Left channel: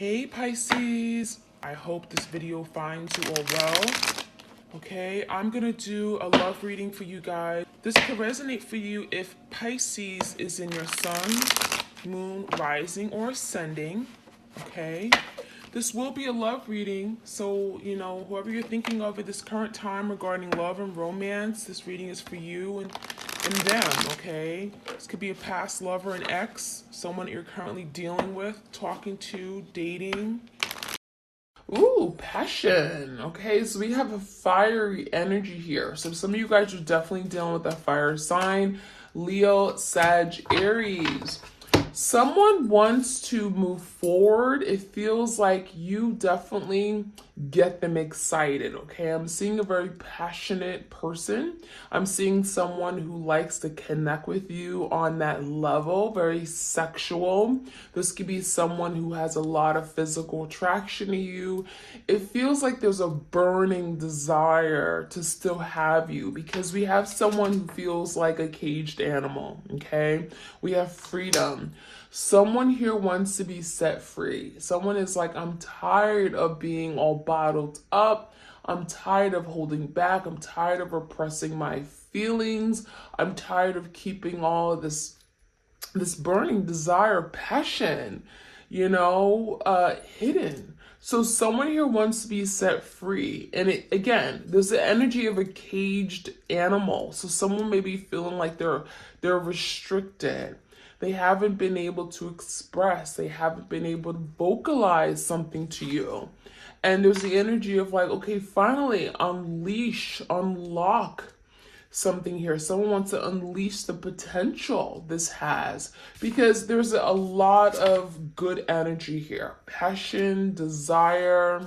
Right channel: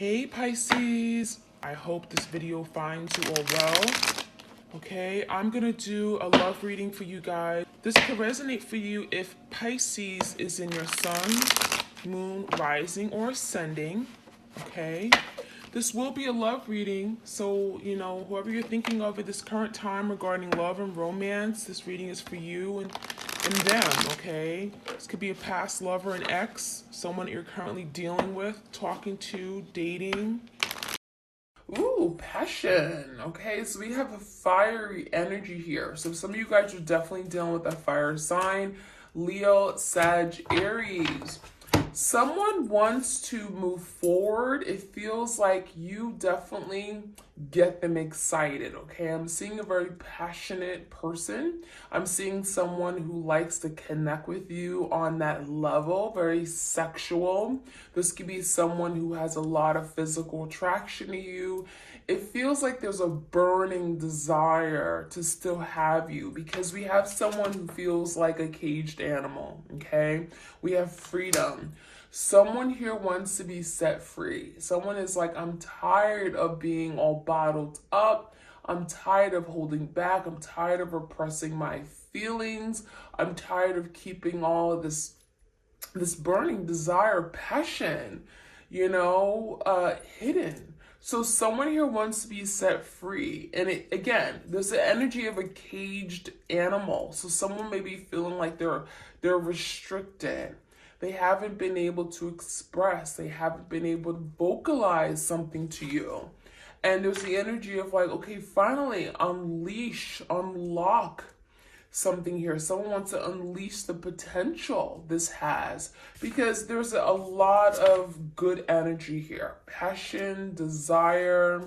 Hey Pisces, I hope this video finds you all well. Okay, I'm gonna do a love reading for you guys. This could resonate for you if Pisces is in your sun, moon, rising, or ascending. Okay, this will be a love reading, so whoever you're thinking of at this current time regarding love and romance, this reading is for you and them. Okay, this could be a past lover, an ex, someone you're currently dealing with, talking to, dating. Ooh, passion. Okay, so we have a fiery energy here. So some of you guys are definitely dealing with a fire sign. Leo, Sag, Aries. Someone wants to move forward. It feels like you definitely get them excited, okay? I'm seeing a very passionate person. I'm seeing someone who likes to connect with you on that level, very sexual. This could be someone who has a lot of physical attraction to you. It feels like there's a burning desire to still have you because we have someone who feels like a caged animal, okay? We have freedom. Someone here wants to be set free. Someone is like, I'm tired of being all bottled up. I'm tired of holding back. I'm tired of repressing my feelings. I'm tired of keeping all of this burning desire, passion, hidden. So someone here wants to be set free. And again, there's the energy of a caged animal. So someone may be feeling like they're restricted. They haven't been able to express. They haven't been able to vocalize something to you. And there's the energy of like, okay, finally unlock something here. Someone wants to unleash the potential this has because there's a lot of good energy here. Passion, desire.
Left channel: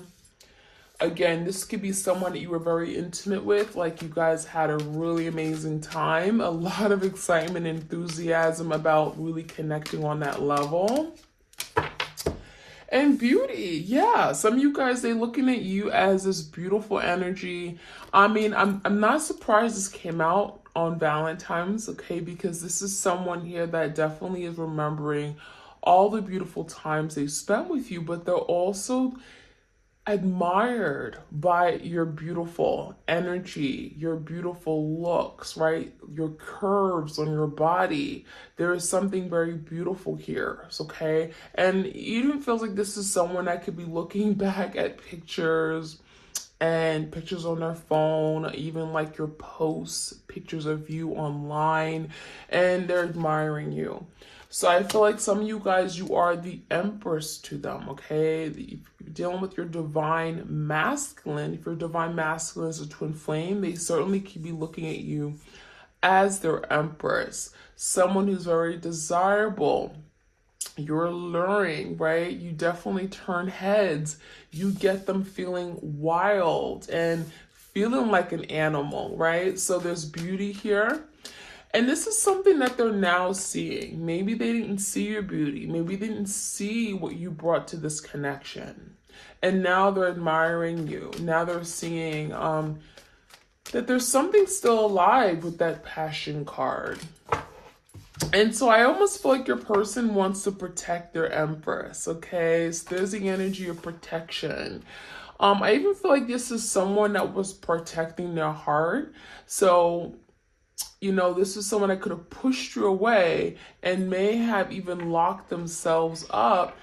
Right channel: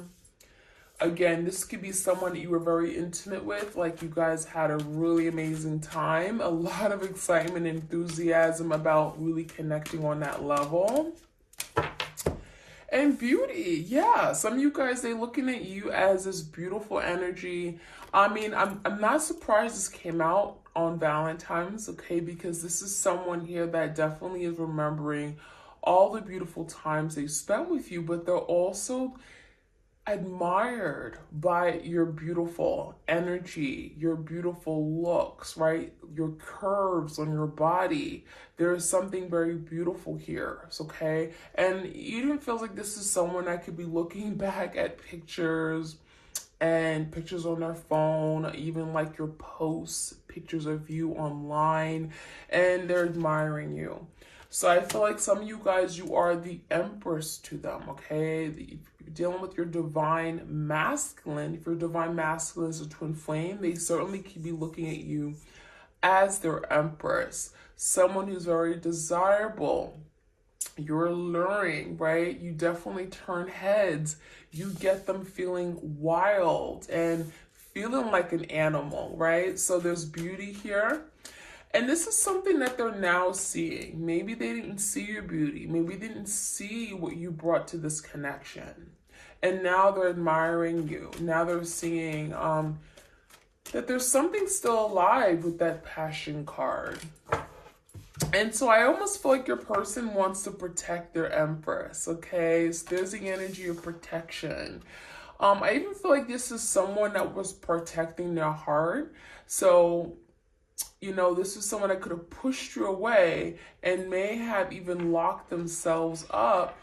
Again, this could be someone that you were very intimate with, like you guys had a really amazing time, a lot of excitement, enthusiasm about really connecting on that level. And beauty, yeah. Some of you guys, they're looking at you as this beautiful energy. I mean, I'm not surprised this came out on Valentine's, okay? Because this is someone here that definitely is remembering all the beautiful times they spent with you, but they're also admired by your beautiful energy, your beautiful looks, right? Your curves on your body. There is something very beautiful here, okay? And it even feels like this is someone that could be looking back at pictures and pictures on their phone, even like your posts, pictures of you online, and they're admiring you. So I feel like some of you guys, you are the empress to them, okay? If you're dealing with your divine masculine, if your divine masculine is a twin flame, they certainly could be looking at you as their empress. Someone who's very desirable. You're alluring, right? You definitely turn heads. You get them feeling wild and feeling like an animal, right? So there's beauty here. And this is something that they're now seeing. Maybe they didn't see your beauty. Maybe they didn't see what you brought to this connection. And now they're admiring you. Now they're seeing that there's something still alive with that passion card. And so I almost feel like your person wants to protect their empress, okay? So there's the energy of protection. I even feel like this is someone that was protecting their heart. So this is someone that could have pushed you away and may have even locked themselves up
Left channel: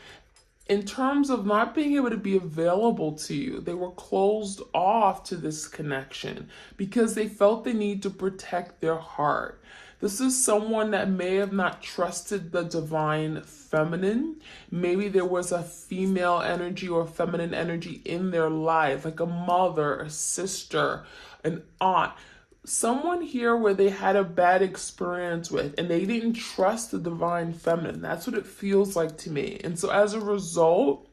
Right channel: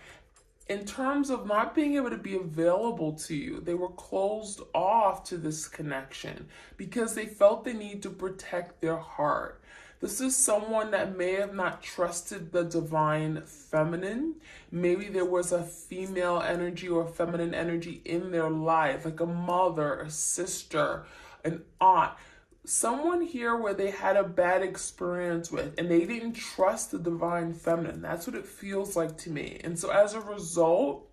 in terms of not being able to be available to you. They were closed off to this connection because they felt the need to protect their heart. This is someone that may have not trusted the divine feminine. Maybe there was a female energy or feminine energy in their life, like a mother, a sister, an aunt. Someone here where they had a bad experience with and they didn't trust the divine feminine. That's what it feels like to me. And so as a result,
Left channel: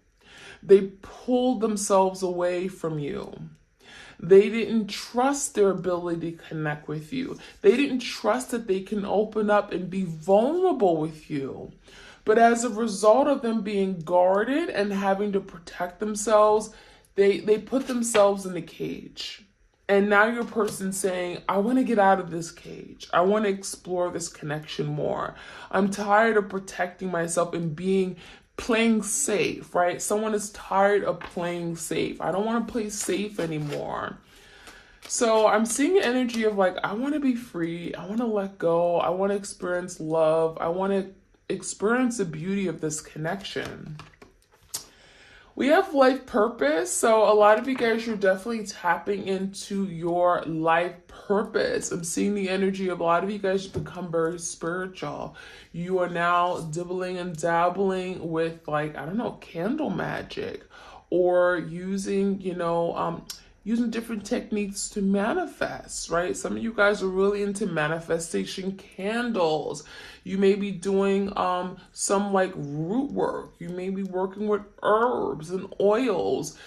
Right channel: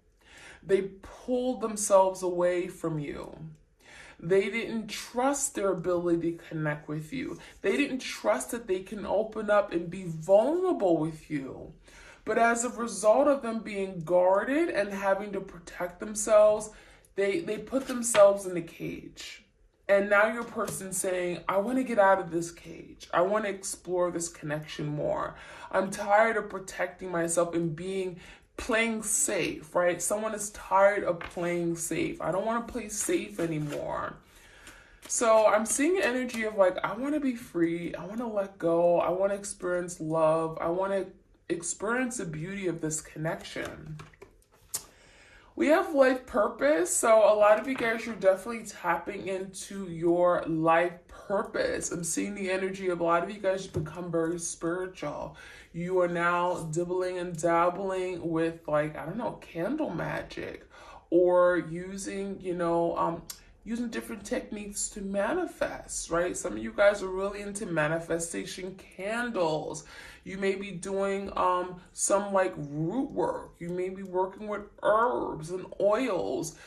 they pulled themselves away from you. They didn't trust their ability to connect with you. They didn't trust that they can open up and be vulnerable with you. But as a result of them being guarded and having to protect themselves, they put themselves in a cage. And now your person's saying, I want to get out of this cage. I want to explore this connection more. I'm tired of protecting myself and being playing safe, right? Someone is tired of playing safe. I don't want to play safe anymore. So I'm seeing the energy of like, I want to be free. I want to let go. I want to experience love. I want to experience the beauty of this connection. We have life purpose. So a lot of you guys, you're definitely tapping into your life purpose. I'm seeing the energy of a lot of you guys become very spiritual. You are now dibbling and dabbling with, like, I don't know, candle magic, or using, using different techniques to manifest, right? Some of you guys are really into manifestation candles. You may be doing some like root work. You may be working with herbs and oils.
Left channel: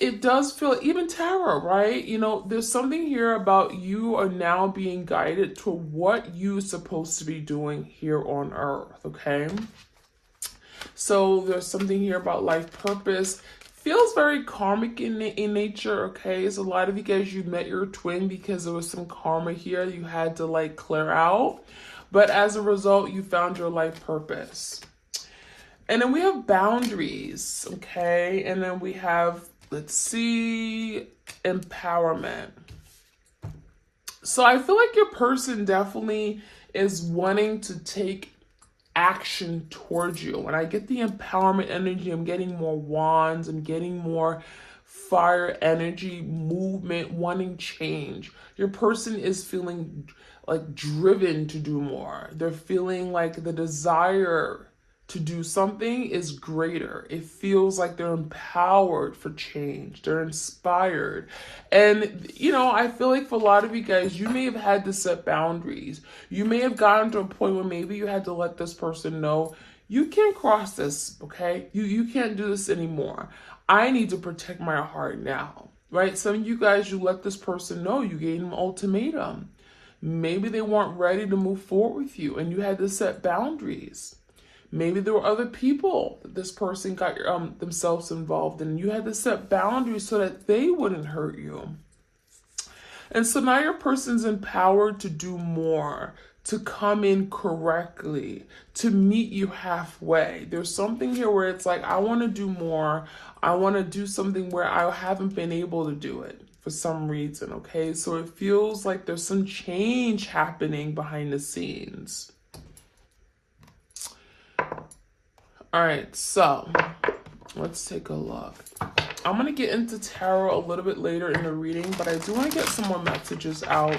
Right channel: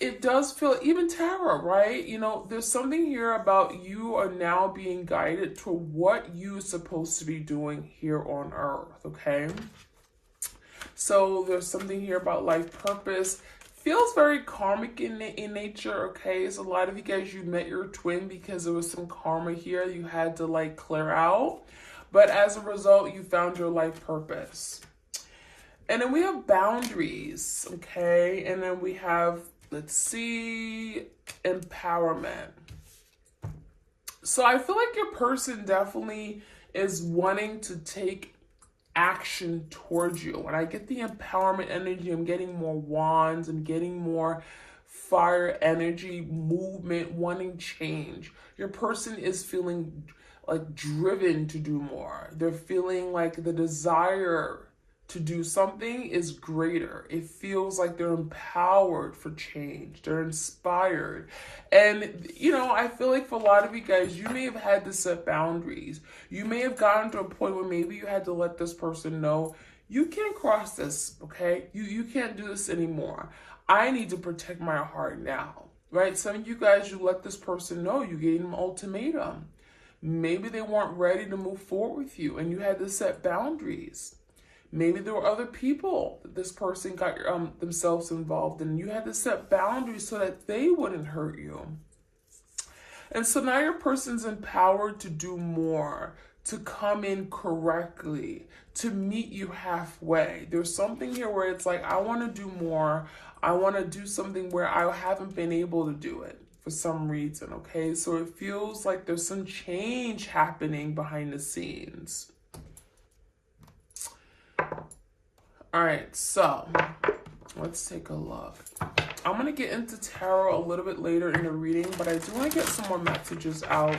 It does feel, even tarot, right? There's something here about you are now being guided to what you're supposed to be doing here on earth, okay? So there's something here about life purpose. Feels very karmic in nature, okay? So a lot of you guys, you met your twin because there was some karma here you had to like clear out. But as a result, you found your life purpose. And then we have boundaries, okay? And then we have, let's see, empowerment. So I feel like your person definitely is wanting to take action towards you. When I get the empowerment energy, I'm getting more wands, I'm getting more fire energy, movement, wanting change. Your person is feeling like driven to do more. They're feeling like the desire to do something is greater. It feels like they're empowered for change. They're inspired. And, I feel like for a lot of you guys, you may have had to set boundaries. You may have gotten to a point where maybe you had to let this person know, you can't cross this, okay? You can't do this anymore. I need to protect my heart now, right? Some of you guys, you let this person know, you gave them an ultimatum. Maybe they weren't ready to move forward with you and you had to set boundaries. Maybe there were other people that this person got themselves involved in. You had to set boundaries so that they wouldn't hurt you. And so now your person's empowered to do more, to come in correctly, to meet you halfway. There's something here where it's like, I want to do more. I want to do something where I haven't been able to do it for some reason, okay? So it feels like there's some change happening behind the scenes. All right, so let's take a look. I'm going to get into tarot a little bit later in the reading, but I do want to get some more messages out.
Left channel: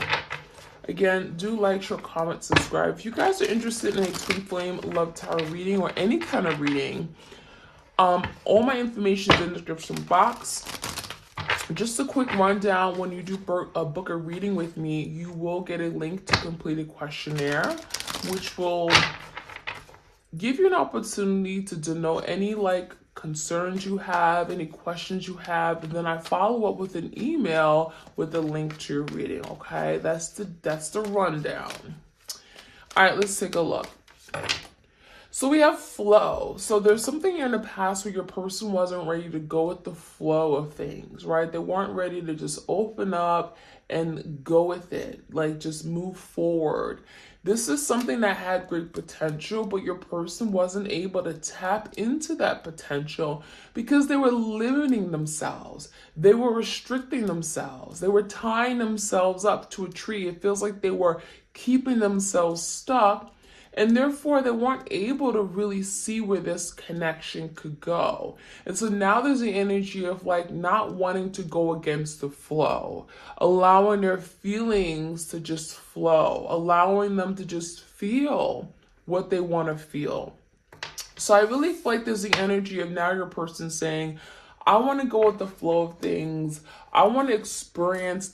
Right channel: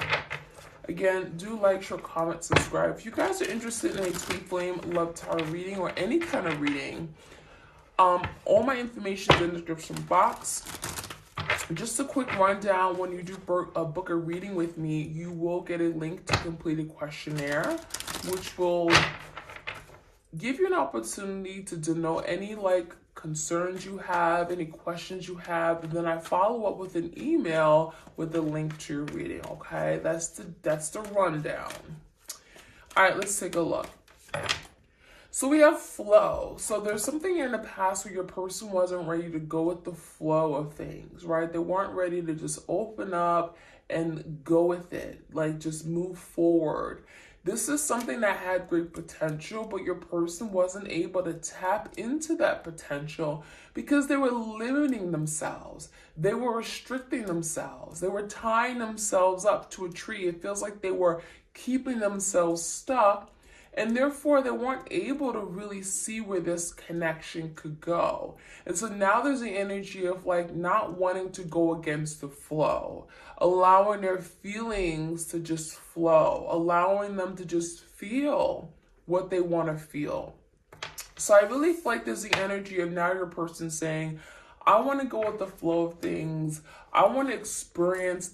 Again, do like, share, comment, subscribe. If you guys are interested in a twin flame love tarot reading or any kind of reading, all my information is in the description box. Just a quick rundown, when you do book a reading with me, you will get a link to complete a questionnaire, which will give you an opportunity to denote any concerns you have, any questions you have, and then I follow up with an email with a link to your reading, okay? That's the rundown. All right, let's take a look. So we have flow. So there's something in the past where your person wasn't ready to go with the flow of things, right? They weren't ready to just open up and go with it, like just move forward. This is something that had great potential, but your person wasn't able to tap into that potential because they were limiting themselves. They were restricting themselves. They were tying themselves up to a tree. It feels like they were keeping themselves stuck, and therefore they weren't able to really see where this connection could go. And so now there's the energy of not wanting to go against the flow, allowing their feelings to just flow, allowing them to just feel what they want to feel. So I really feel like there's the energy of now your person saying, I want to go with the flow of things. I want to experience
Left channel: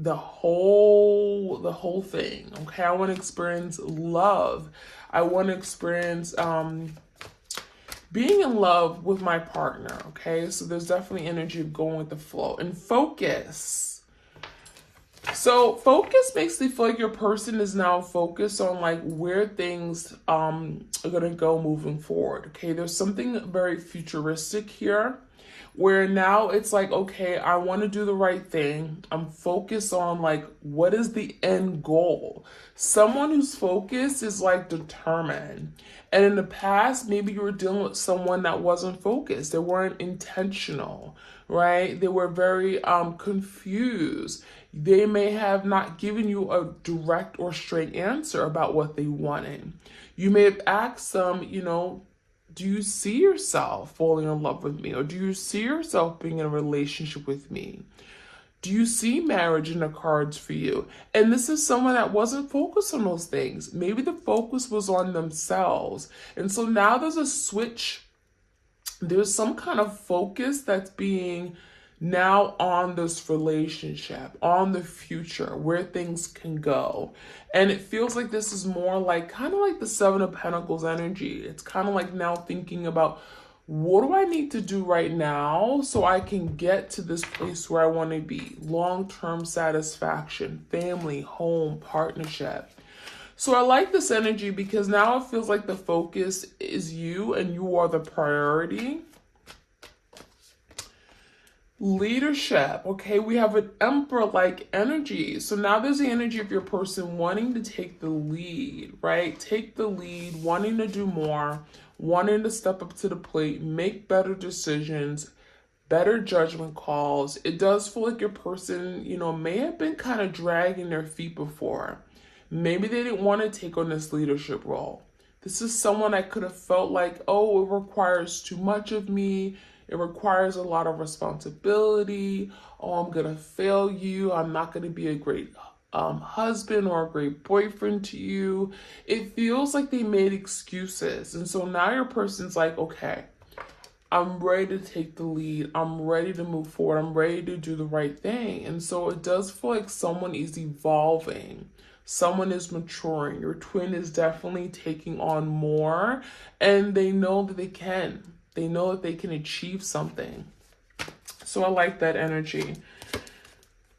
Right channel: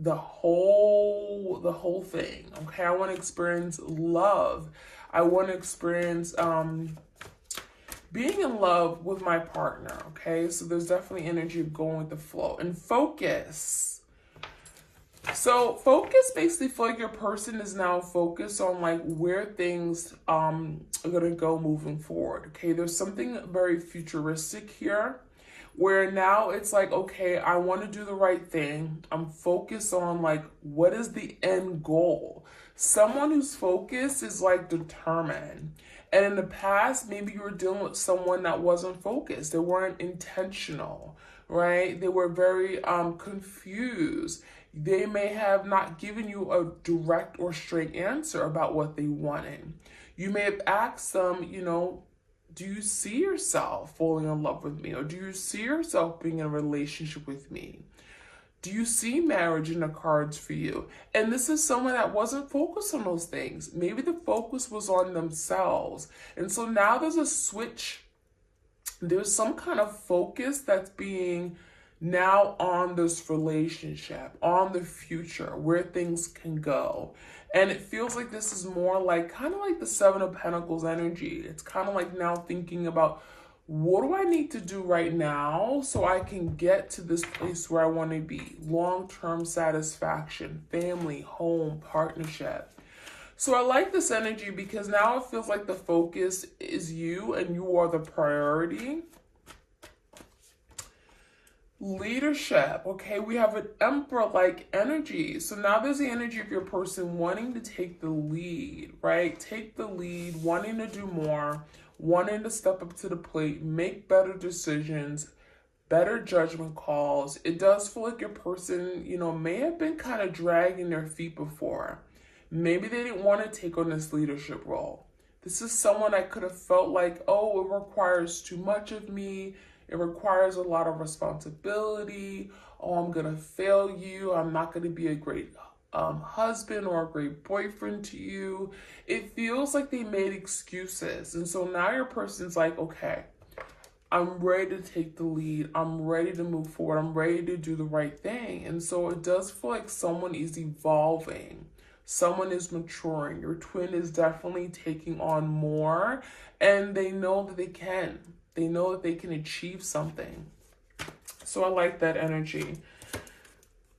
the whole thing, okay? I want to experience love. I want to experience being in love with my partner, okay? So there's definitely energy of going with the flow. And focus. So focus makes me feel like your person is now focused on where things are gonna go moving forward, okay? There's something very futuristic here, where now it's okay, I want to do the right thing. I'm focused on what is the end goal. Someone whose focus is like determined. And in the past, maybe you were dealing with someone that wasn't focused. They weren't intentional, right? They were very confused. They may have not given you a direct or straight answer about what they wanted. You may have asked them, do you see yourself falling in love with me? Or do you see yourself being in a relationship with me? Do you see marriage in the cards for you? And this is someone that wasn't focused on those things. Maybe the focus was on themselves. And so now there's a switch. There's some kind of focus that's being now on this relationship, on the future, where things can go. And it feels like this is more like kind of like the Seven of Pentacles energy. It's kind of like now thinking about, what do I need to do right now so I can get to this place where I want to be? Long-term satisfaction, family, home, partnership. So I like this energy because now it feels like the focus is you and you are the priority. Leadership, okay, we have an Emperor-like energy. So now there's the energy of your person wanting to take the lead, right? Take the lead, wanting to do more, wanting to step up to the plate, make better decisions, better judgment calls. It does feel like your person, may have been kind of dragging their feet before. Maybe they didn't want to take on this leadership role. This is someone I could have felt like, oh, it requires too much of me. It requires a lot of responsibility. Oh, I'm going to fail you. I'm not going to be a great husband or a great boyfriend to you. It feels like they made excuses. And so now your person's like, okay, I'm ready to take the lead. I'm ready to move forward. I'm ready to do the right thing. And so it does feel like someone is evolving. Someone is maturing. Your twin is definitely taking on more, and they know that they can. They know that they can achieve something. So I like that energy.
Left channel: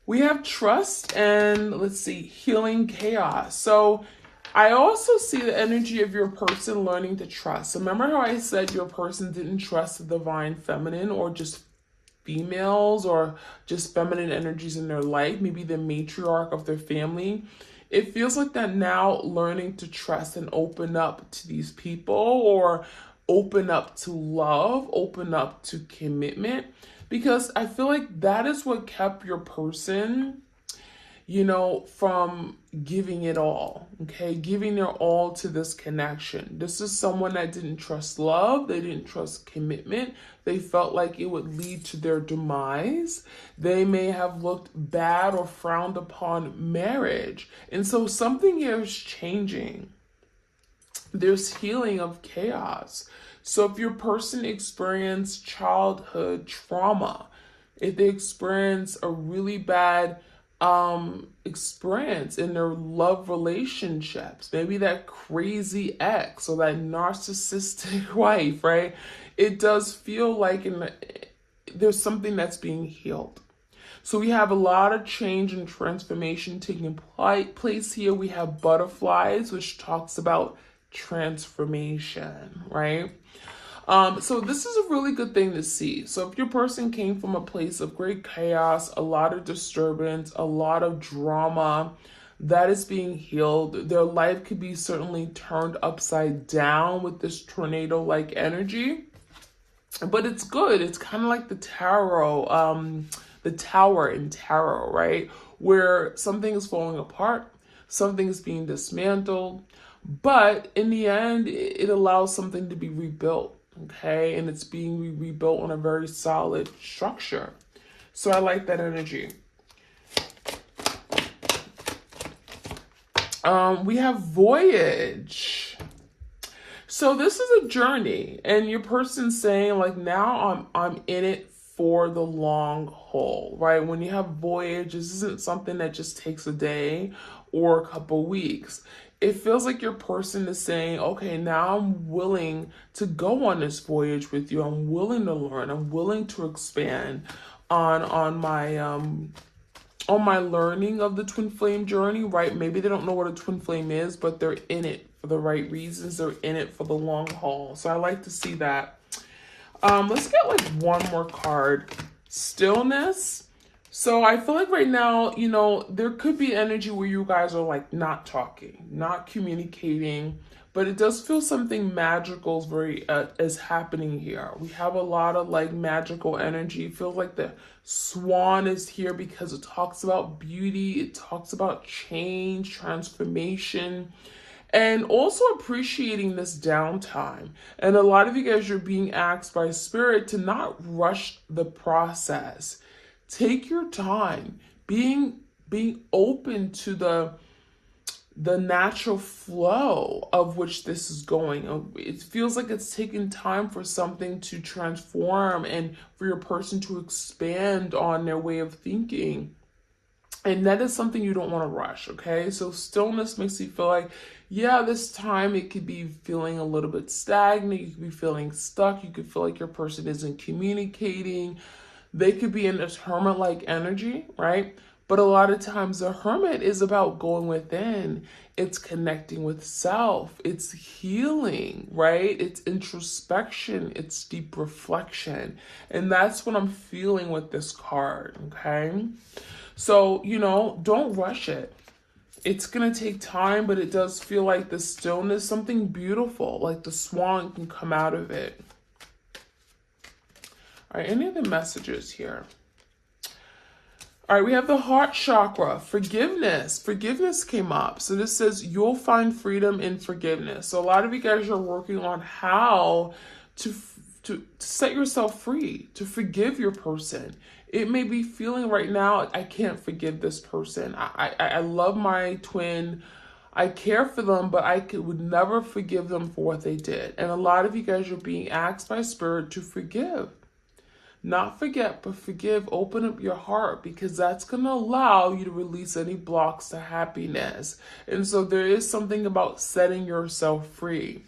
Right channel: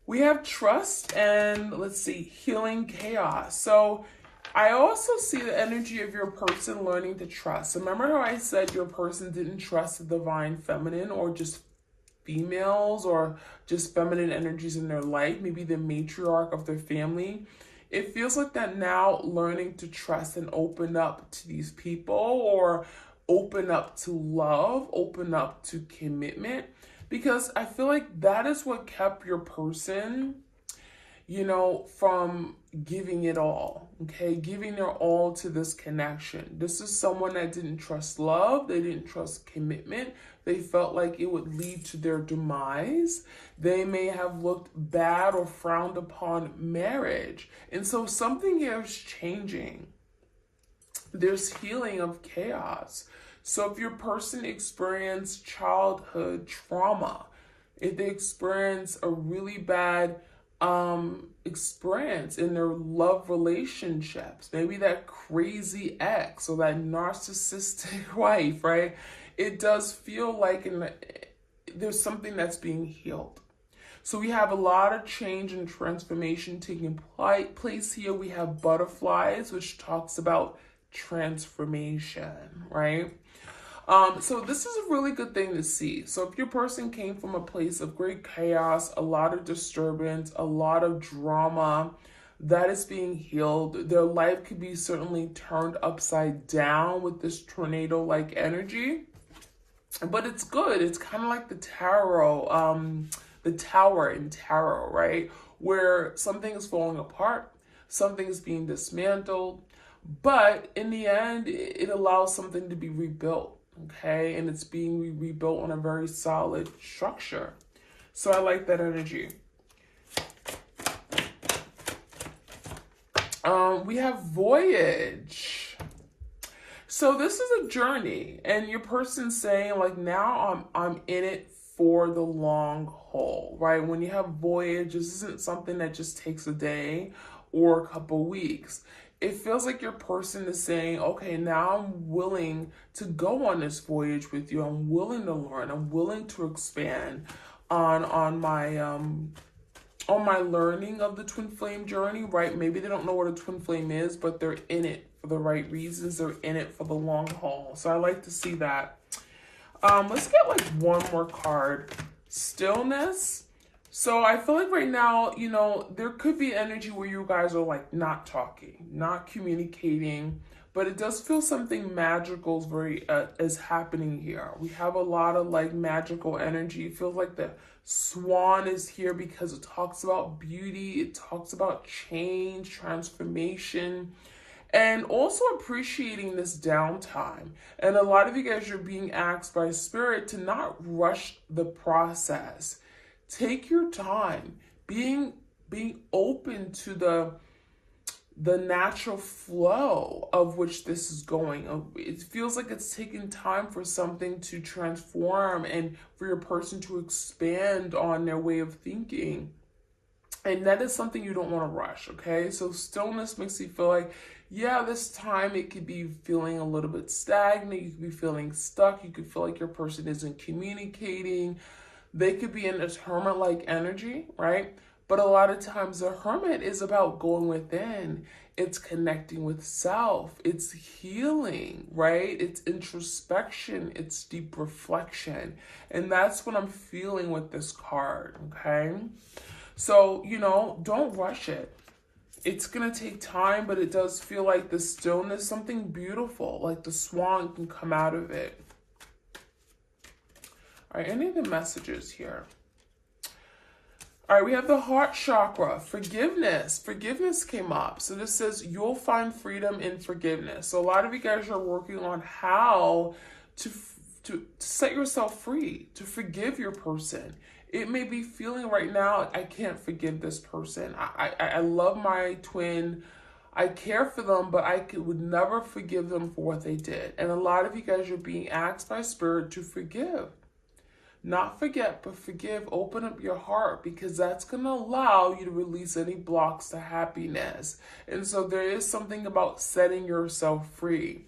We have trust and, let's see, healing chaos. So I also see the energy of your person learning to trust. So remember how I said your person didn't trust the divine feminine, or just females, or just feminine energies in their life, maybe the matriarch of their family. It feels like they're now learning to trust and open up to these people, or open up to love, open up to commitment, because I feel like that is what kept your person, from giving it all, okay? Giving their all to this connection. This is someone that didn't trust love. They didn't trust commitment. They felt like it would lead to their demise. They may have looked bad or frowned upon marriage. And so something here is changing. There's healing of chaos. So if your person experienced childhood trauma, if they experience a really bad experience in their love relationships, maybe that crazy ex or that narcissistic wife, right? It does feel like there's something that's being healed. So we have a lot of change and transformation taking place here. We have butterflies, which talks about transformation, right? So this is a really good thing to see. So if your person came from a place of great chaos, a lot of disturbance, a lot of drama, that is being healed. Their life could be certainly turned upside down with this tornado-like energy. But it's good. It's kind of like the tarot, the tower in tarot, right? Where something is falling apart, something is being dismantled, but in the end, it allows something to be rebuilt, okay? And it's being rebuilt on a very solid structure. So I like that energy. We have voyage. So this is a journey, and your person's saying, like, now I'm in it for the long haul, right? When you have voyage, this isn't something that just takes a day or a couple weeks. It feels like your person is saying, okay, now I'm willing to go on this voyage with you. I'm willing to learn. I'm willing to expand on my learning of the twin flame journey, right? Maybe they don't know what a twin flame is, but they're in it for the right reasons. They're in it for the long haul. So I like to see that. Let's get like one more card. Stillness. So I feel like right now, you know, there could be energy where you guys are like not talking, not communicating, but it does feel something magical is happening here. We have a lot of like magical energy. It feels like the swan is here because it talks about beauty, it talks about change, transformation, and also appreciating this downtime. And a lot of you guys are being asked by spirit to not rush the process. Take your time, being open to the natural flow of which this is going. It feels like it's taking time for something to transform and for your person to expand on their way of thinking. And that is something you don't want to rush, okay? So stillness makes you feel like, yeah, this time it could be feeling a little bit stagnant. You could be feeling stuck. You could feel like your person isn't communicating. They could be in this hermit-like energy, right? But a lot of times the hermit is about going within. It's connecting with self. It's healing, right? It's introspection. It's deep reflection. And that's what I'm feeling with this card, okay? So, you know, don't rush it. It's going to take time, but it does feel like the stillness, something beautiful, like the swan can come out of it. All right, any of the messages here? All right, we have the heart chakra, forgiveness. Forgiveness came up. So this says you'll find freedom in forgiveness. So a lot of you guys are working on how to set yourself free, to forgive your person. It may be feeling right now, I can't forgive this person. I love my twin. I care for them, but would never forgive them for what they did. And a lot of you guys are being asked by spirit to forgive. Not forget, but forgive. Open up your heart, because that's going to allow you to release any blocks to happiness. And so there is something about setting yourself free.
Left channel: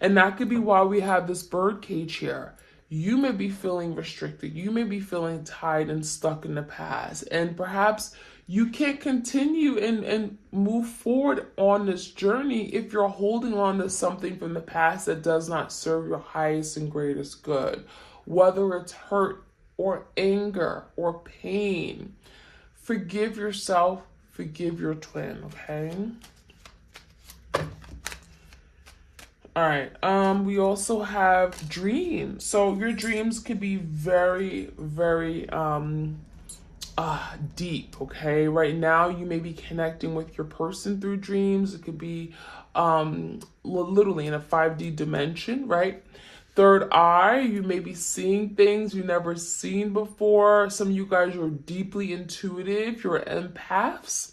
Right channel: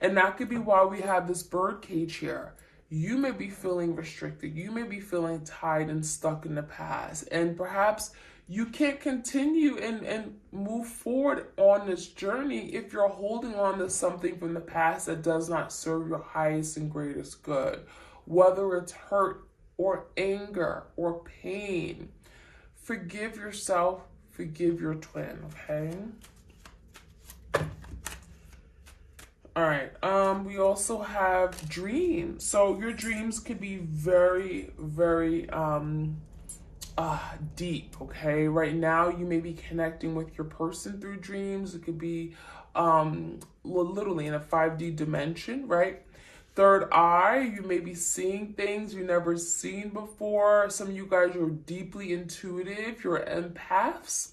And that could be why we have this bird cage here. You may be feeling restricted. You may be feeling tied and stuck in the past. And perhaps you can't continue and move forward on this journey if you're holding on to something from the past that does not serve your highest and greatest good. Whether it's hurt or anger or pain, forgive yourself, forgive your twin, okay? All right, we also have dreams. So your dreams could be very, very deep, okay? Right now, you may be connecting with your person through dreams. It could be literally in a 5D dimension, right? Third eye, you may be seeing things you've never seen before. Some of you guys are deeply intuitive. You're empaths.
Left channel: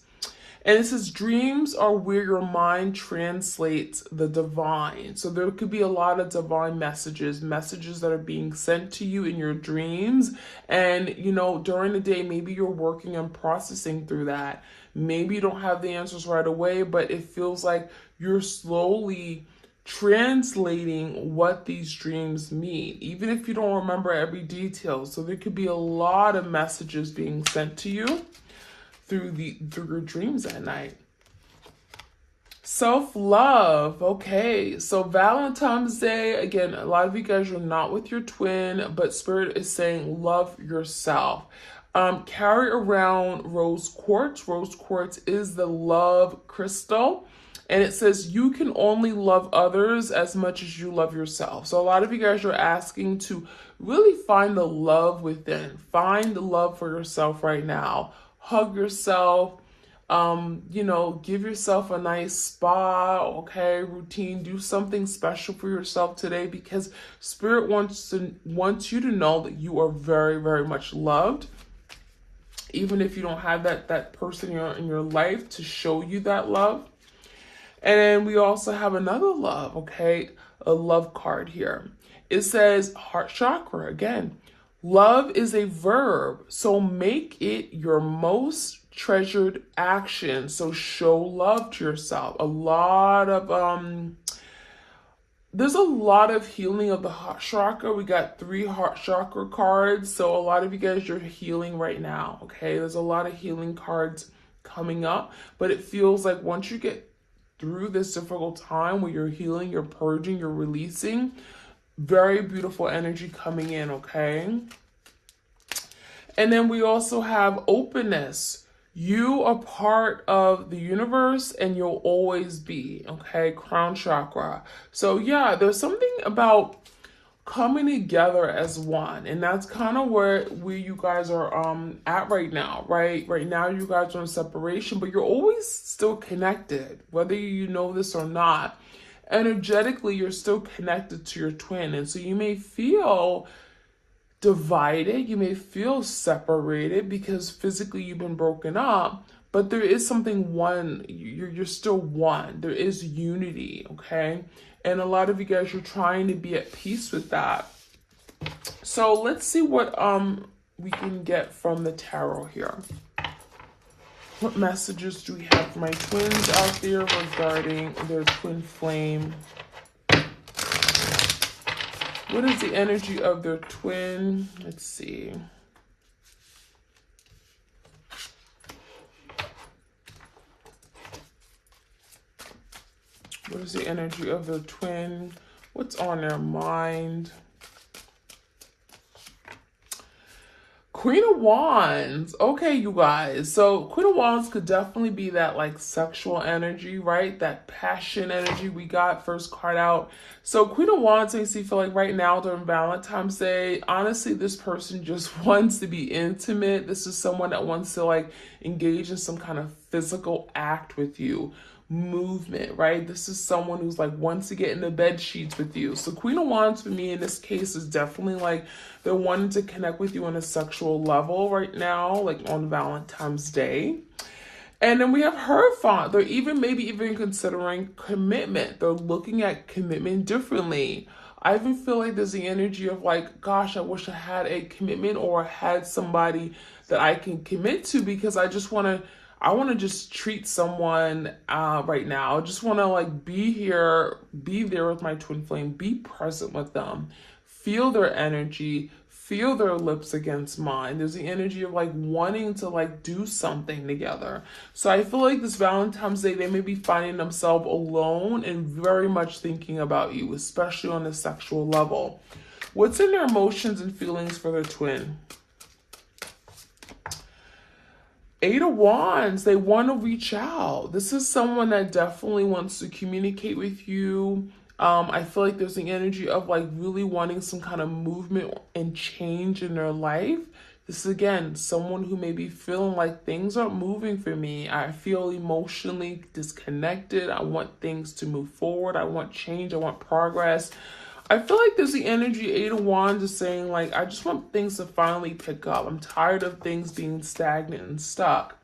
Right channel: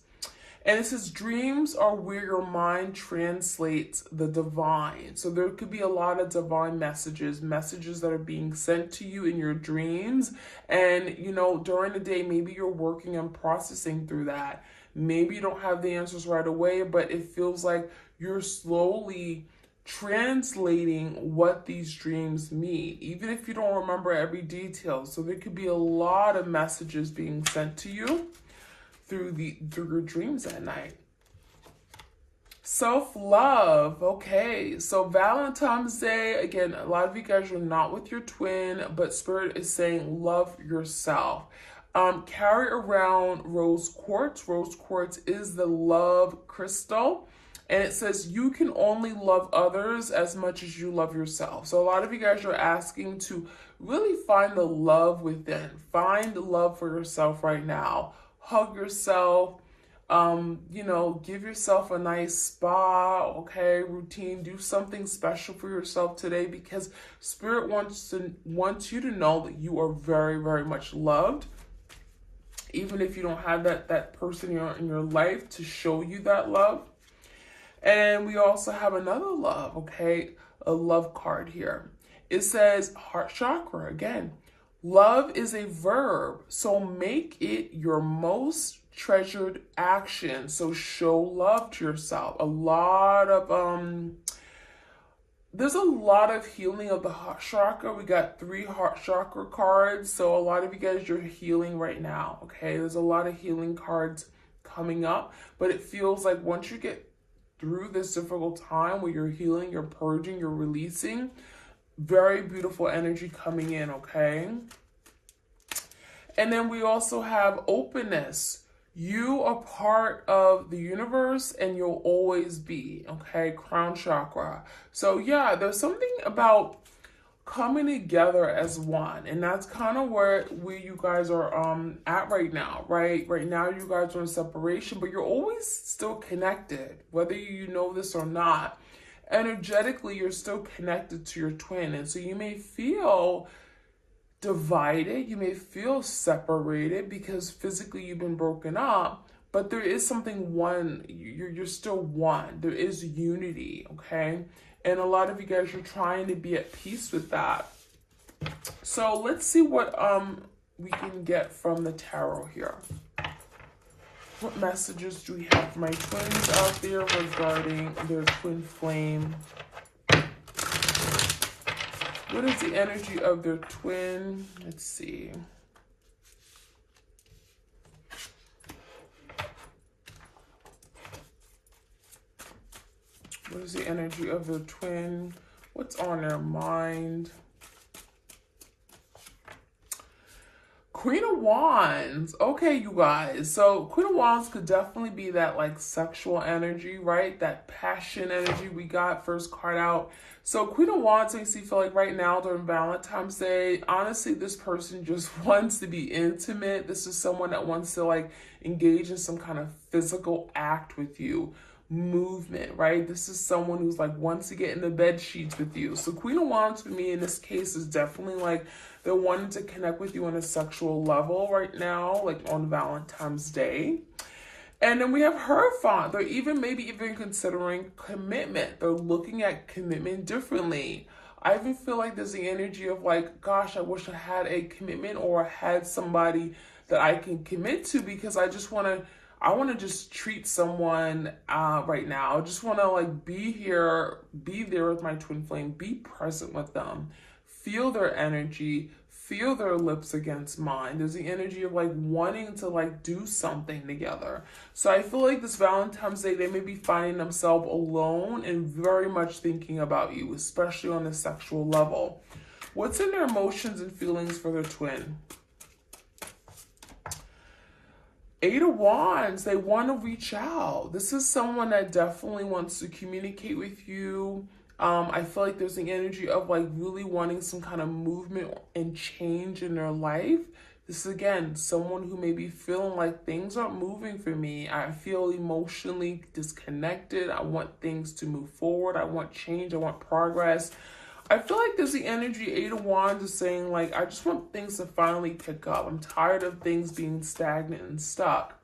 And it says dreams are where your mind translates the divine. So there could be a lot of divine messages that are being sent to you in your dreams. And, you know, during the day, maybe you're working and processing through that. Maybe you don't have the answers right away, but it feels like you're slowly translating what these dreams mean, even if you don't remember every detail. So there could be a lot of messages being sent to you through your dreams at night. Self-love. Okay, so Valentine's Day, again, a lot of you guys are not with your twin, but spirit is saying love yourself. Carry around rose quartz. Rose quartz is the love crystal. And it says you can only love others as much as you love yourself. So a lot of you guys are asking to really find the love within. Find the love for yourself right now. Hug yourself. You know, give yourself a nice spa, okay, routine. Do something special for yourself today, because Spirit wants you to know that you are very, very much loved. Even if you don't have that person in your life to show you that love. And we also have another love, okay? A love card here. It says heart chakra again. Love is a verb, so make it your most treasured action. So show love to yourself. There's a lot of healing of the heart chakra. We got 3 heart chakra cards. So a lot of you guys are healing right now, okay? There's a lot of healing cards coming up, but it feels like once you get through this difficult time where you're healing, you're purging, you're releasing, very beautiful energy coming in, okay? And then we also have openness. You are part of the universe and you'll always be, okay? Crown chakra. So yeah, there's something about coming together as one, and that's kind of where you guys are at right now. Right now you guys are in separation, but you're always still connected, whether you know this or not. Energetically, you're still connected to your twin, and so you may feel divided, you may feel separated because physically you've been broken up, but there is something one. You're still one. There is unity, okay? And a lot of you guys are trying to be at peace with that. So let's see what we can get from the tarot here. What messages do we have for my twins out there regarding their twin flame? What is the energy of their twin? Let's see. What is the energy of their twin? What's on their mind? Queen of Wands. Okay, you guys. So Queen of Wands could definitely be that like sexual energy, right? That passion energy we got first card out. So Queen of Wands makes me feel like right now during Valentine's Day, honestly, this person just wants to be intimate. This is someone that wants to like engage in some kind of physical act with you. Movement, right? This is someone who's like wants to get in the bed sheets with you. So Queen of Wands for me in this case is definitely like they're wanting to connect with you on a sexual level right now, like on Valentine's Day. And then we have Hierophant. They're maybe even considering commitment. They're looking at commitment differently. I even feel like there's the energy of like, gosh, I wish I had a commitment or had somebody that I can commit to, because I want to just treat someone right now. I just want to like be there with my twin flame, be present with them, feel their energy, feel their lips against mine. There's the energy of like wanting to like do something together. So I feel like this Valentine's Day, they may be finding themselves alone and very much thinking about you, especially on the sexual level. What's in their emotions and feelings for their twin? Eight of Wands, they want to reach out. This is someone that definitely wants to communicate with you. I feel like there's the energy of like really wanting some kind of movement and change in their life. This is, again, someone who may be feeling like things aren't moving for me. I feel emotionally disconnected. I want things to move forward. I want change. I want progress. I feel like there's the energy, Eight of Wands is saying like, I just want things to finally pick up. I'm tired of things being stagnant and stuck.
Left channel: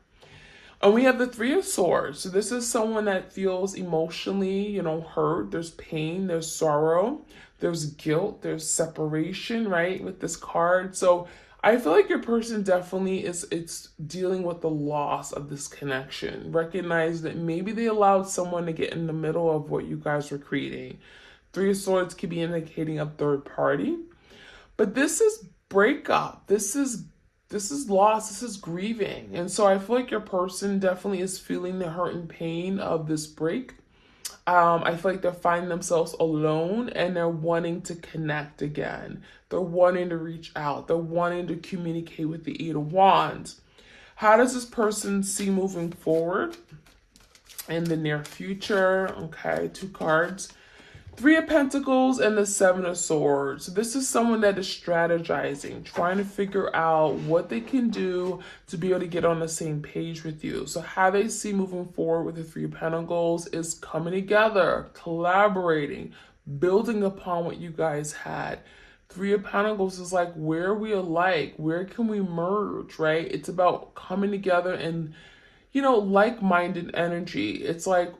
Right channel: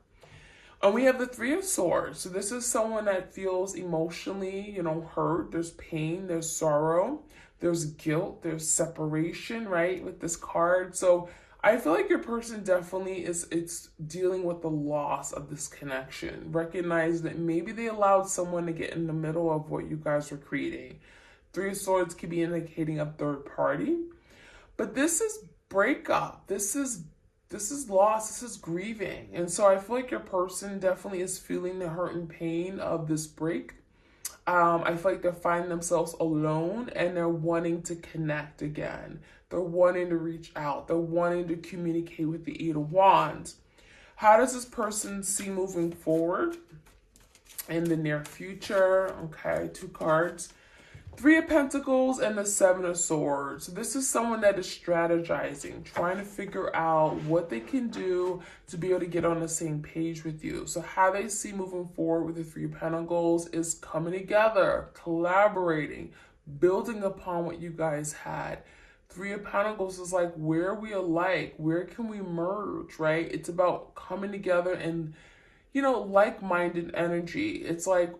And we have the Three of Swords. So this is someone that feels emotionally, hurt. There's pain, there's sorrow, there's guilt, there's separation, right? With this card. So I feel like your person definitely it's dealing with the loss of this connection. Recognize that maybe they allowed someone to get in the middle of what you guys were creating. Three of Swords could be indicating a third party. But this is breakup. This is loss. This is grieving. And so I feel like your person definitely is feeling the hurt and pain of this break. I feel like they're finding themselves alone and they're wanting to connect again. They're wanting to reach out. They're wanting to communicate with the Eight of Wands. How does this person see moving forward in the near future? Okay, two cards. Three of Pentacles and the Seven of Swords. So this is someone that is strategizing, trying to figure out what they can do to be able to get on the same page with you. So how they see moving forward with the Three of Pentacles is coming together, collaborating, building upon what you guys had. Three of Pentacles is like, where are we alike? Where can we merge, right? It's about coming together and, like-minded energy. It's like,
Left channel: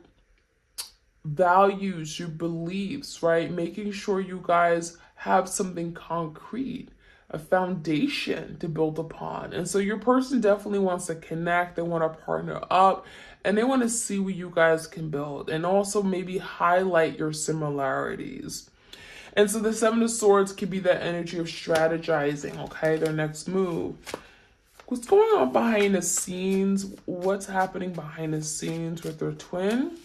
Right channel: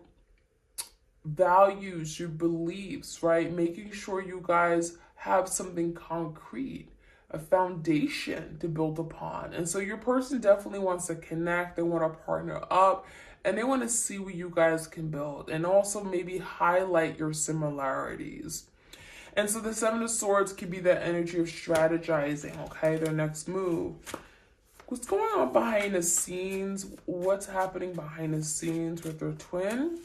values, your beliefs, right? Making sure you guys have something concrete, a foundation to build upon. And so your person definitely wants to connect. They want to partner up and they want to see what you guys can build and also maybe highlight your similarities. And so the Seven of Swords could be that energy of strategizing, okay? Their next move. What's going on behind the scenes? What's happening behind the scenes with their twin?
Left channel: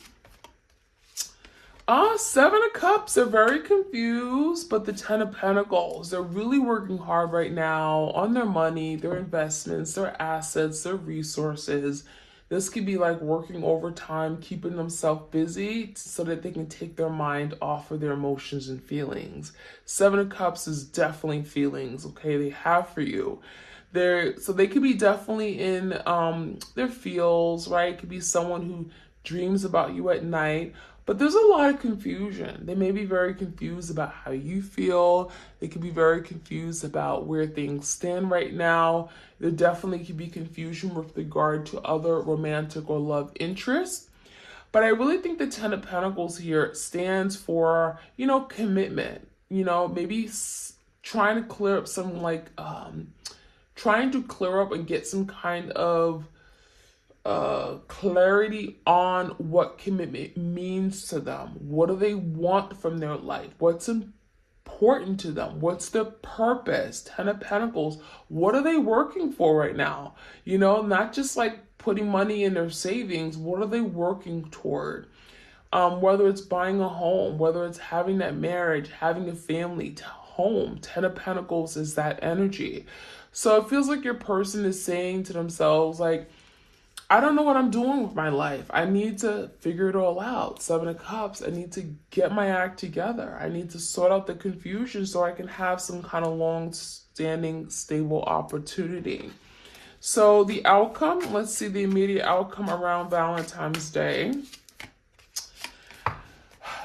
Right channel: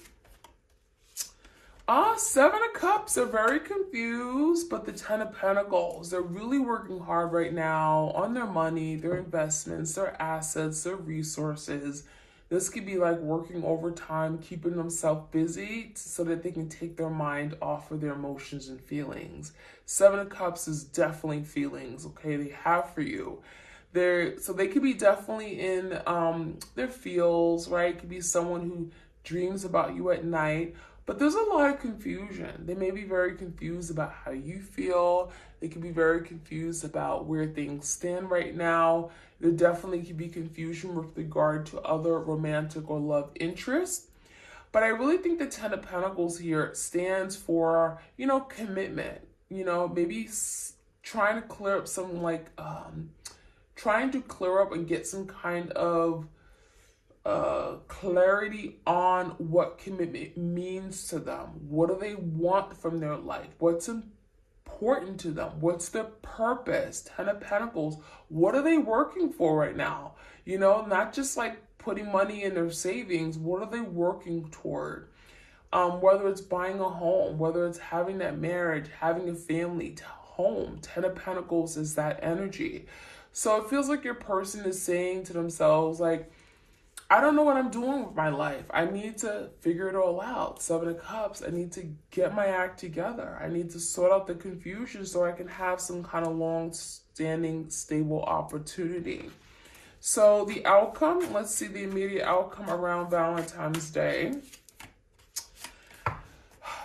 Seven of Cups, they're very confused, but the Ten of Pentacles, they're really working hard right now on their money, their investments, their assets, their resources. This could be like working overtime, keeping themselves busy so that they can take their mind off of their emotions and feelings. Seven of Cups is definitely feelings, okay, they have for you. So they could be definitely in their feels, right? It could be someone who dreams about you at night. But there's a lot of confusion. They may be very confused about how you feel. They could be very confused about where things stand right now. There definitely could be confusion with regard to other romantic or love interests. But I really think the Ten of Pentacles here stands for, commitment. Maybe trying to clear up some trying to clear up and get some kind of clarity on what commitment means to them. What do they want from their life? What's important to them? What's their purpose? Ten of Pentacles. What are they working for right now? Not just like putting money in their savings. What are they working toward? Whether it's buying a home, whether it's having that marriage, having a family, home. Ten of Pentacles is that energy. So it feels like your person is saying to themselves, like, I don't know what I'm doing with my life. I need to figure it all out. Seven of Cups. I need to get my act together. I need to sort out the confusion so I can have some kind of long-standing, stable opportunity. So the outcome, let's see the immediate outcome around Valentine's Day.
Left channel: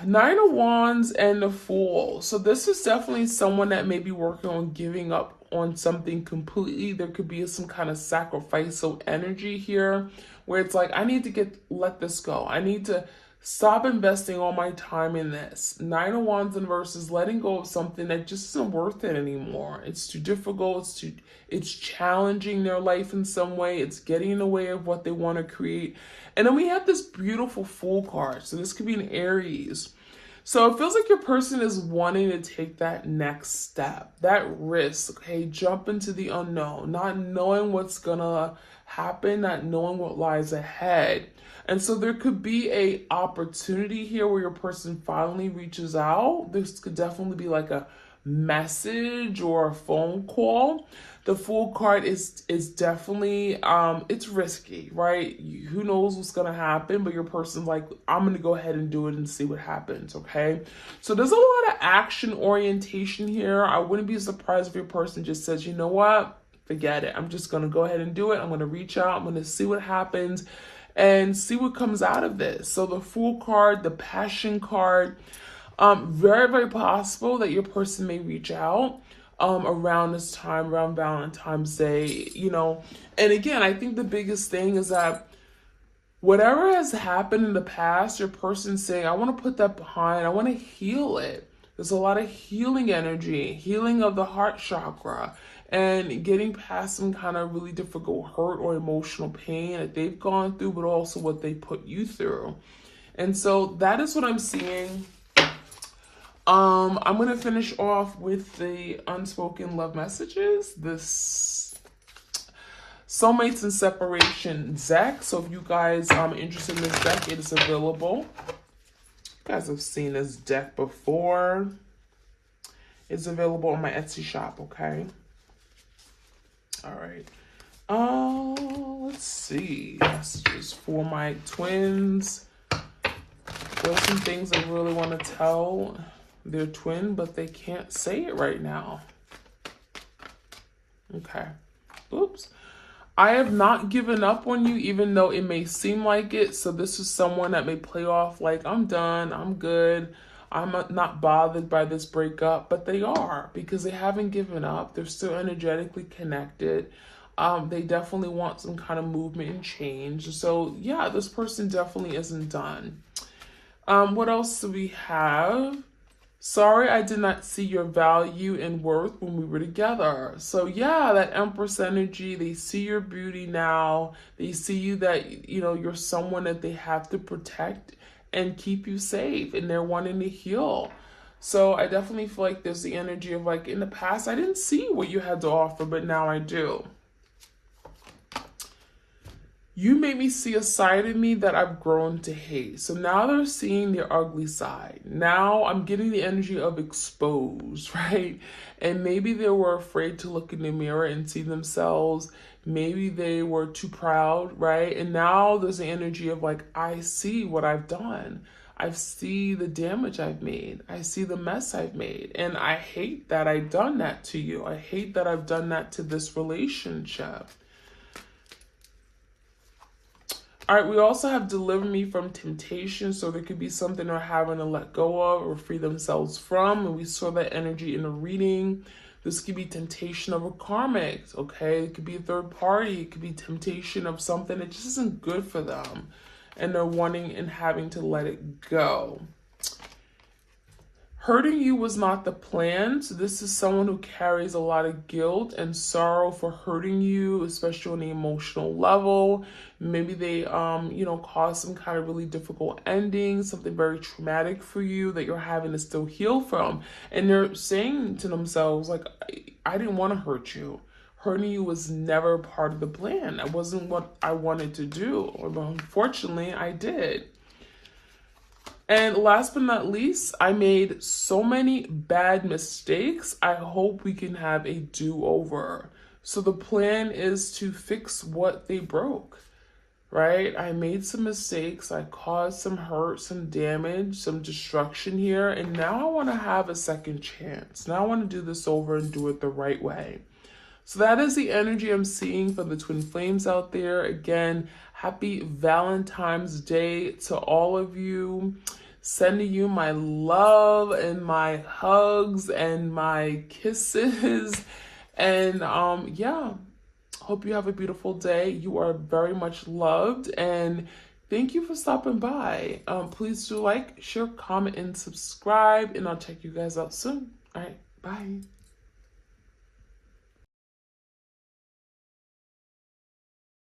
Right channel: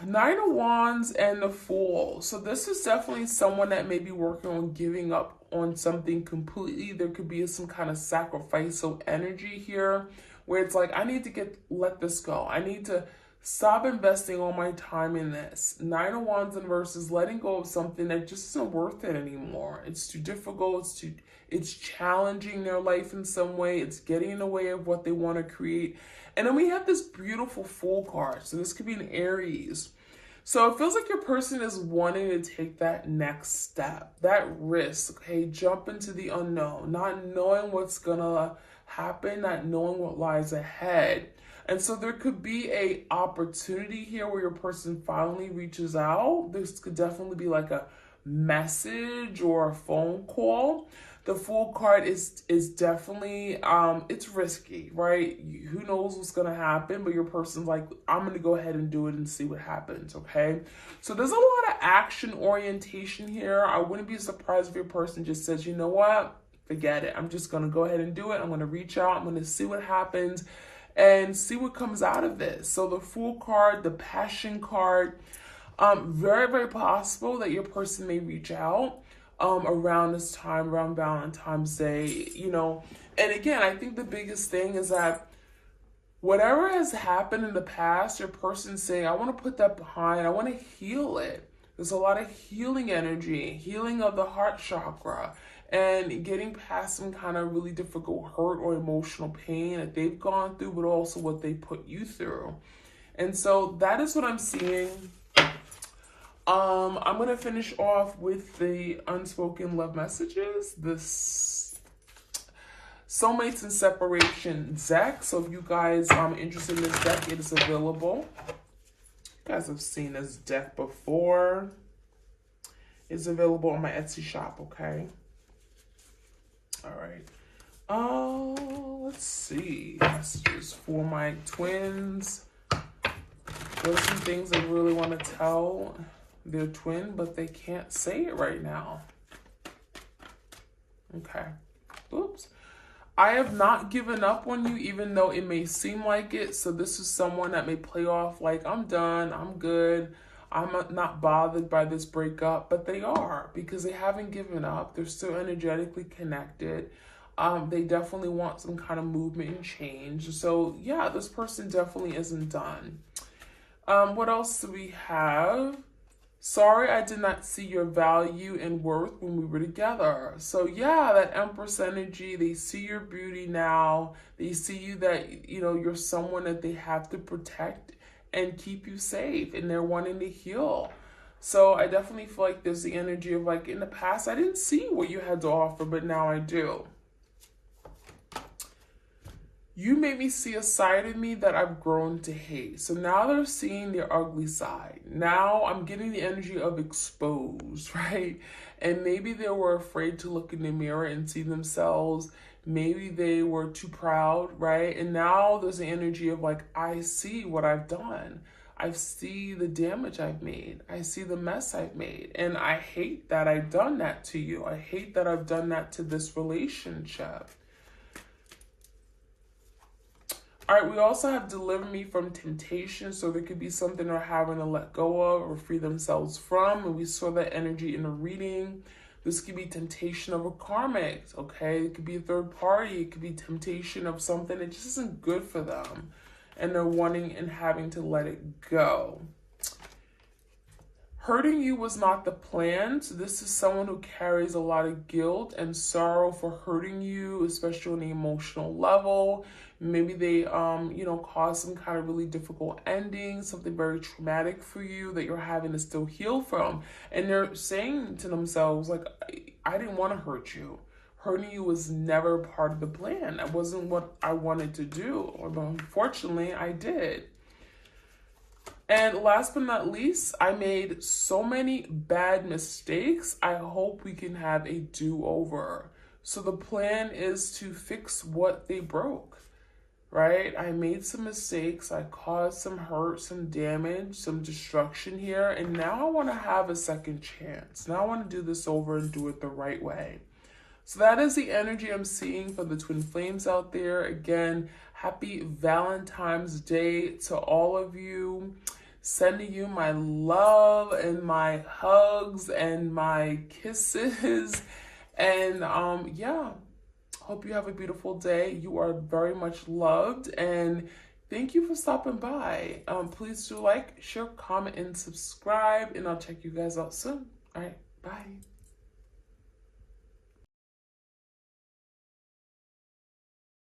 Nine of Wands and the Fool. So this is definitely someone that may be working on giving up on something completely. There could be some kind of sacrificial energy here where it's like, I need to let this go. I need to stop investing all my time in this. Nine of Wands in reverse is letting go of something that just isn't worth it anymore. It's too difficult. It's challenging their life in some way. It's getting in the way of what they want to create. And then we have this beautiful Fool card. So this could be an Aries. So it feels like your person is wanting to take that next step, that risk, okay? Jump into the unknown, not knowing what's gonna happen, not knowing what lies ahead. And so there could be a opportunity here where your person finally reaches out. This could definitely be like a message or a phone call. The Fool card is definitely, it's risky, right? Who knows what's going to happen, but your person's like, I'm going to go ahead and do it and see what happens, okay? So there's a lot of action orientation here. I wouldn't be surprised if your person just says, you know what? Forget it. I'm just going to go ahead and do it. I'm going to reach out. I'm going to see what happens and see what comes out of this. So the Fool card, the Passion card, very, very possible that your person may reach out around this time, around Valentine's Day, And again, I think the biggest thing is that whatever has happened in the past, your person's saying, I want to put that behind. I want to heal it. There's a lot of healing energy, healing of the heart chakra, and getting past some kind of really difficult hurt or emotional pain that they've gone through, but also what they put you through. And so that is what I'm seeing. I'm going to finish off with the unspoken love messages, this soulmates and separation deck. So if you guys are interested in this deck, it is available. You guys have seen this deck before. It's available on my Etsy shop, okay? All right. Let's see. Messages for my twins. There's some things I really want to tell their twin, but they can't say it right now. Okay. Oops. I have not given up on you, even though it may seem like it. So this is someone that may play off like, I'm done, I'm good, I'm not bothered by this breakup, but they are, because they haven't given up. They're still energetically connected. They definitely want some kind of movement and change. So yeah, this person definitely isn't done. What else do we have? Sorry, I did not see your value and worth when we were together. So yeah, that Empress energy, they see your beauty now. They see you that, you're someone that they have to protect and keep you safe, and they're wanting to heal. So I definitely feel like there's the energy of like, in the past, I didn't see what you had to offer, but now I do. You made me see a side of me that I've grown to hate. So now they're seeing their ugly side. Now I'm getting the energy of exposed, right? And maybe they were afraid to look in the mirror and see themselves. Maybe they were too proud, right? And now there's the energy of like, I see what I've done. I see the damage I've made. I see the mess I've made. And I hate that I've done that to you. I hate that I've done that to this relationship. All right, we also have deliver me from temptation. So there could be something they're having to let go of or free themselves from. And we saw that energy in a reading. This could be temptation of a karmic, okay? It could be a third party. It could be temptation of something that just isn't good for them. And they're wanting and having to let it go. Hurting you was not the plan. So this is someone who carries a lot of guilt and sorrow for hurting you, especially on the emotional level. Maybe they, caused some kind of really difficult ending, something very traumatic for you that you're having to still heal from. And they're saying to themselves, like, I didn't want to hurt you. Hurting you was never part of the plan. It wasn't what I wanted to do. But unfortunately, I did. And last but not least, I made so many bad mistakes. I hope we can have a do-over. So the plan is to fix what they broke, right? I made some mistakes. I caused some hurt, some damage, some destruction here. And now I want to have a second chance. Now I want to do this over and do it the right way. So that is the energy I'm seeing for the twin flames out there. Again, happy Valentine's Day to all of you. Sending you my love and my hugs and my kisses. And hope you have a beautiful day. You are very much loved. And thank you for stopping by. Please do like, share, comment, and subscribe. And I'll check you guys out soon. All right, bye.